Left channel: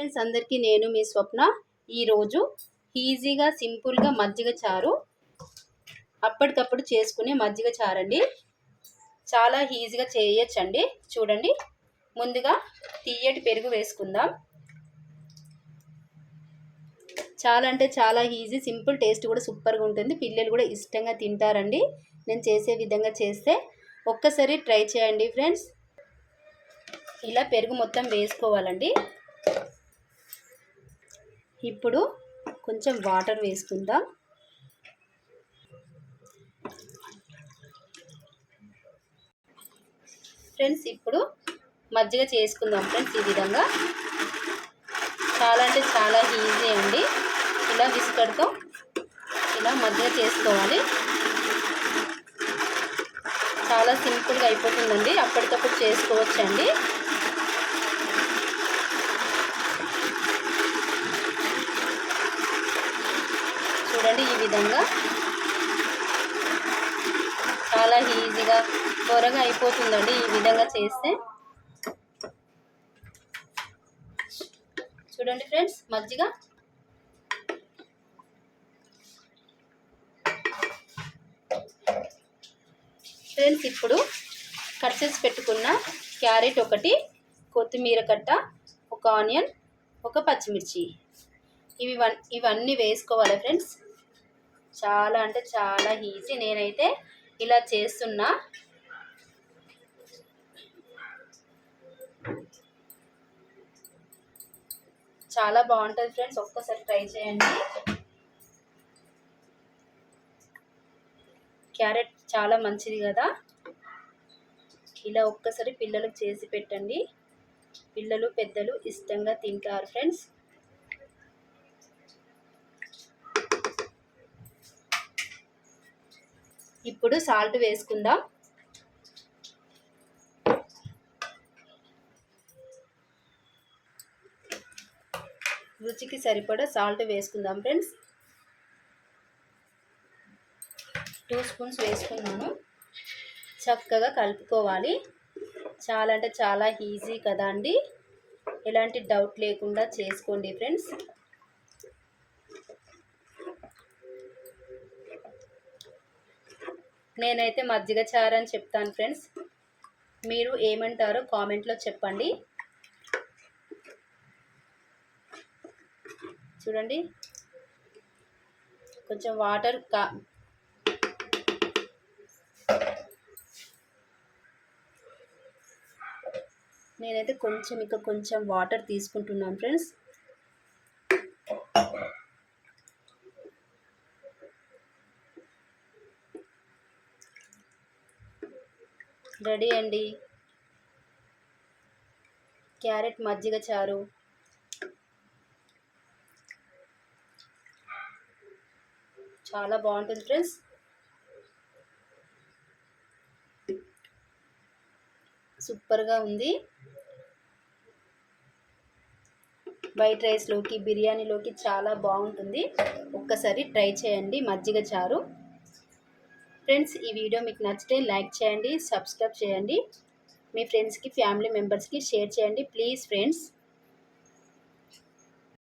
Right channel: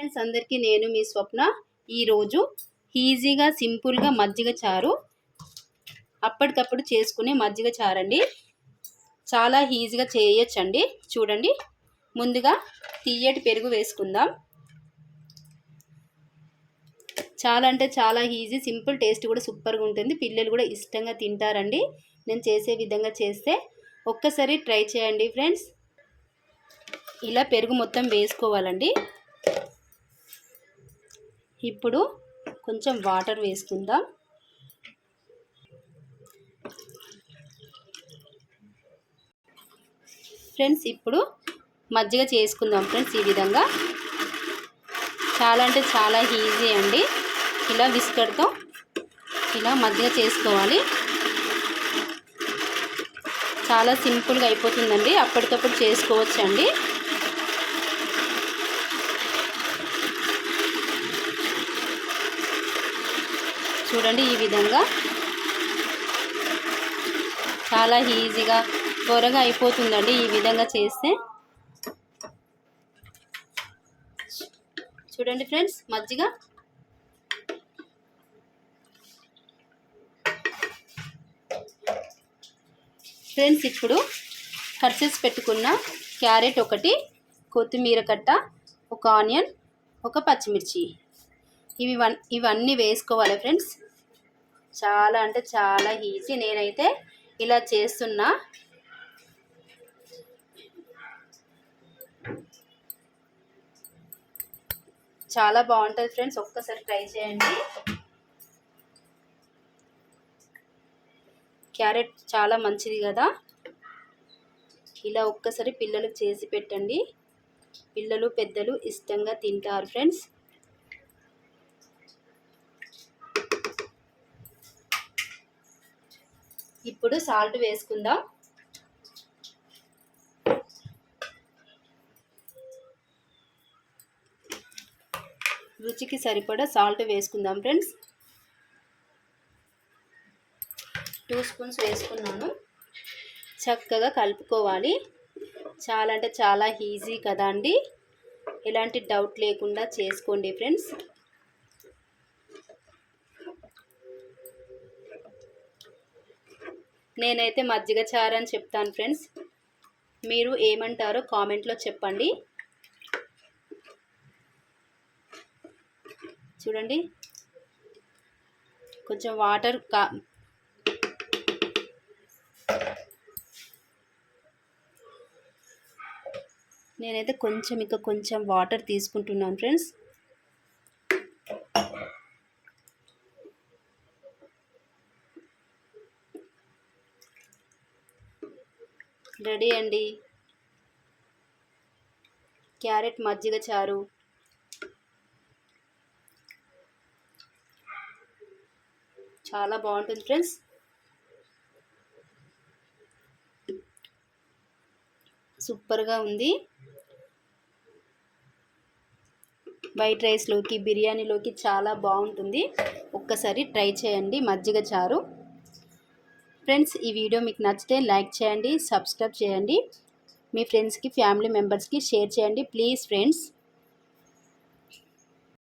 Friends అందరికీ నేను మీ స్వప్న. ఈరోజు ఈజీగా సింపుల్గా మజ్జిగ చారు అప్పటికప్పుడు చేసుకునే మజ్జిగ చారండి. చాలా ఈజీగా చేయొచ్చండి. చూడండి. ముందుగా తీయటి పెరుగు వేసుకుందాం. చాలా అంటే చాలా ఈజీ సింపుల్ టేస్ట్ కూడా సూపర్గా ఉంటుంది. పిల్లలు కూడా ఇష్టంగా తింటారండి. నేను చేసే విధంగా చేస్తే ఒక్కసారి ట్రై చేయండి ఫ్రెండ్స్. ఇలా పెరుగు మొత్తం వేసుకోవాలండి. ఇప్పుడు కొంచెం వాటర్ వేసుకుందాం. ఫ్రెండ్స్ ఇప్పుడు మజ్జిగ చేసుకుందాం ఫ్రెండ్స్ ఈ విధంగా. చాలా అంటే చాలా ఈజీ అండి. ఇలా బిస్కెట్తో ఇలా మజ్జిగ చేసుకోవాలి. చాలా సింపుల్గా అయిపోతుందండి. అప్పటికప్పుడు చేసుకోవచ్చండి. చూడండి ఈ విధంగా. చాలా ఈజీగా త్వరగా అయిపోతుందండి ఈ విధంగా చేస్తే. చూడండి ఫ్రెండ్స్ మజ్జిగ. ఫ్రెండ్స్ ఇప్పుడు కట్ చేసి పెట్టుకున్న క్యారెట్ ఒకటి కొత్తిమీర కట్ట ఒక ఆనియన్ ఒక పచ్చిమిర్చి. ఇవి వన్ ఇవన్నీ వేసుకోవాలి ఫ్రెండ్స్. చాలా అంటే చాలా ఈజీ. నేనైతే ఇలా చేస్తున్నా. చాలా బాగుంటుంది ఫ్రెండ్స్. ఒక్కసారి ట్రై చేయండి. క్యారెట్ చాలా మంచిది కదా. ఇలా ఒక్కసారి పిల్లలకు చేసి పెట్టండి. పిల్లలు పెద్దలు ఇష్టంగా తింటారు ఫ్రెండ్స్. ఇప్పుడు సాల్ట్ వేసుకుందాం. రుచికి సరిపడా సాల్ట్ వేసుకుందాం ఫ్రెండ్స్. టూ స్పూన్స్ వేసుకున్నాను. చక్కగా కలుపుకోవాలి. చాలా అంటే చాలా ఈజీ కదా అండి ఎలాంటి డౌట్ లేకుండా చేసుకోండి ఫ్రెండ్స్. నేనైతే మజ్జిగ చారు అని చెప్తాను ఫ్రెండ్స్. మీరు ఏమంటారో కామెంట్లో చెప్పండి. చూడండి. కొంచెం వాటర్ కా నేనైతే కొంచెం ఇంకా కొంచెం వాటర్ తీసుకుంటున్నాను ఫ్రెండ్స్. రెడీ అండి. క్యారెట్ మజ్జిగ చారు. చాలా బాగుంటుంది ఫ్రెండ్స్. సూపర్గా ఉంది. వైట్ రైస్లోకి బిర్యానీలోకి చాలా బాగుంటుంది. ఒక్కసారి ట్రై చేయండి మజ్జిగ చారు. ఫ్రెండ్స్ ఈ వీడియో మీకు నచ్చితే లైక్ చేయండి సబ్స్క్రైబ్ చేయండి. మీ ఫ్రెండ్స్కి ఫ్యామిలీ మెంబర్స్కి షేర్ చేయండి ప్లీజ్ ఫ్రెండ్స్.